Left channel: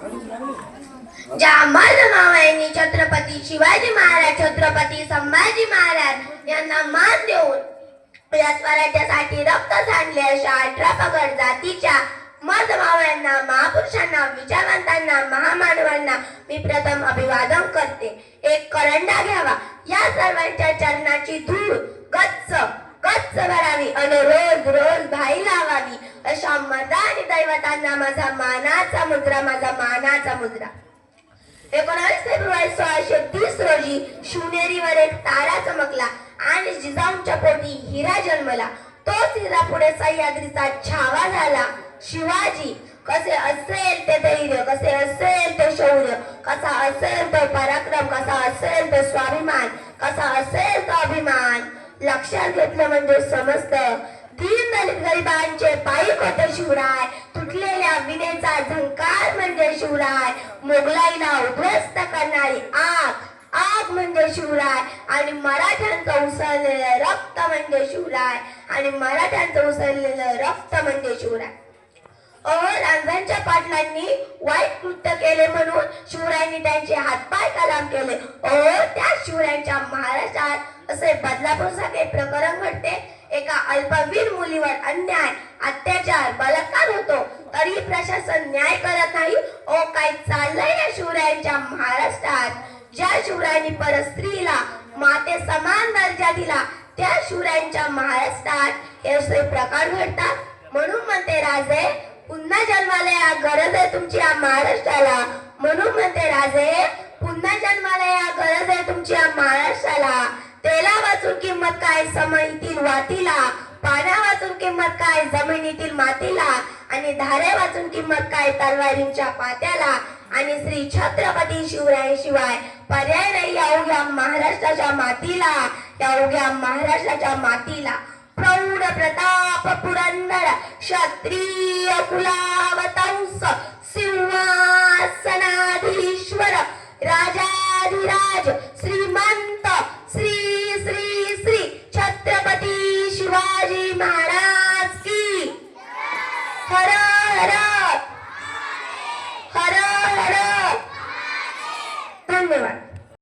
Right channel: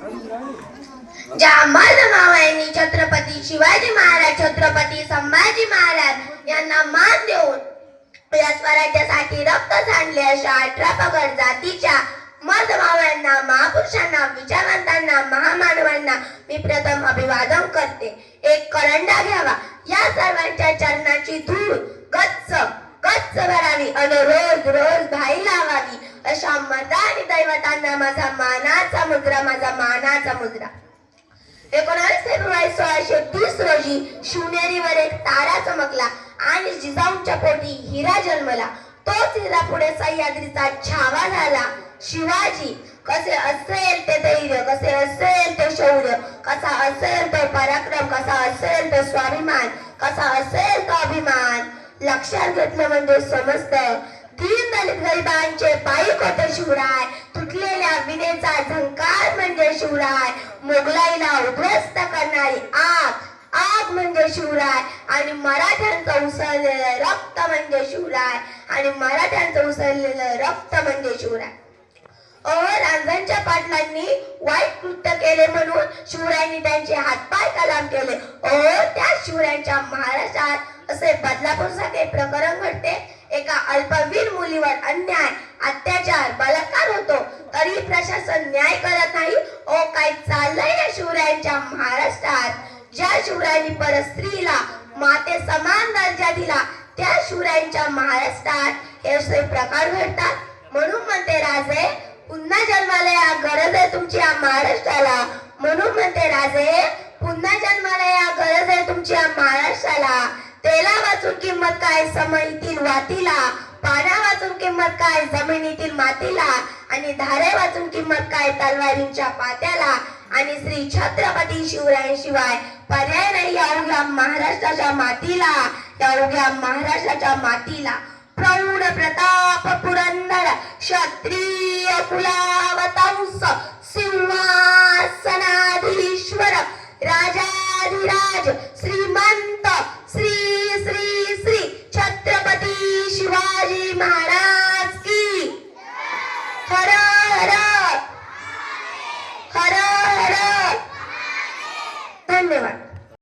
ज्या मर्दमावळ्यांनी छत्रपती शिवाजी महाराज, छत्रपती संभाजी महाराज यांना मान देऊन या स्वराज्यासाठी रक्त सांडले अशा 18 पगड जातीच्या मर्दमावळ्यांना, महापुरुषांना, विचारवंतांना, महामानवांना मी प्रथम अभिवादन करते. एक करंडा घ्यावा, या सर्वांच्या चरणाची धूळ गच्च गच्च भरावी आणि रोज रोज भाई लावावी अशा मर्दा आणि दैवतांना माझा मानाचा मुद्रा, माझा मानाचा मुद्रा. 19 फेब्रुवारी 1630 रोजी शिवनेरीवर एक तारा चमकला आणि जिजाऊंच्या पोटी हिरा जन्मला. तोच हिरा पुढे सह्याद्रीचा छावा झाला. शिवाजी कसे असेल ते धैर्य, कसे असेल ते शौर्य, कसा असेल तो पराक्रम, कसा असेल तो स्वाभिमान, कसा असेल तो अभिमान लक्षात घेतलं म्हणजे समजतं. दीन दलित गरिबांचे पायी कोटे शिवराय, तुटलेल्या विनेचा झंकार म्हणजे शिवराय, मोगलाईला उद्ध्वस्त करणारी आग आग म्हणजे शिवराय आणि मराठ्यांचं उसळलेलं रक्त म्हणजे शिवराय आणि मराठ्यांचं उसळलेलं रक्त म्हणजे शिवराय. रांझांच्या पाटलांनी वाईट कृत्य केले म्हणून शिवरायांनी त्यांचे हातपाय कलाम केले. त्या शिवरायांच्या महाराष्ट्रात असे बदलापूर सारखे प्रकरण घडते. एका अल्पवीर मुलीवर अन्याय, अत्याचार, बलात्कार होतो तरी प्रशासन न्याय करत नाही. काय चाललंय या शिवरायांच्या महाराष्ट्रात? ज्या शिवरायांनी परस्त्रीला माते समान दर्जा दिला त्या शिवरायांच्या महाराष्ट्रात हे असे प्रकार घडतात. म्हणून म्हणते राजे, पुन्हा जन्माला या, गरज आहे तुमची या महाराष्ट्राला. म्हणून म्हणते राजे, पुन्हा जन्माला या, गरज आहे तुमची या महाराष्ट्राला. तेला वाचून किंमत काय समईतील वातीला, पाण्या वाचून किंमत काय जमिनीतील मातीला आणि धारे वाचून किंमत काय तलवारींच्या पात्याला. आणि श्री छत्रपती शिवरायांशिवाय पर्याय नाही या उघ्या महाराष्ट्राच्या मातीला, या उघ्या महाराष्ट्राच्या मातीला. प्रौढ प्रताप पुरंदर क्षत्रिय कुलावतंस सिंहासनाधीश्वर राजाधिराज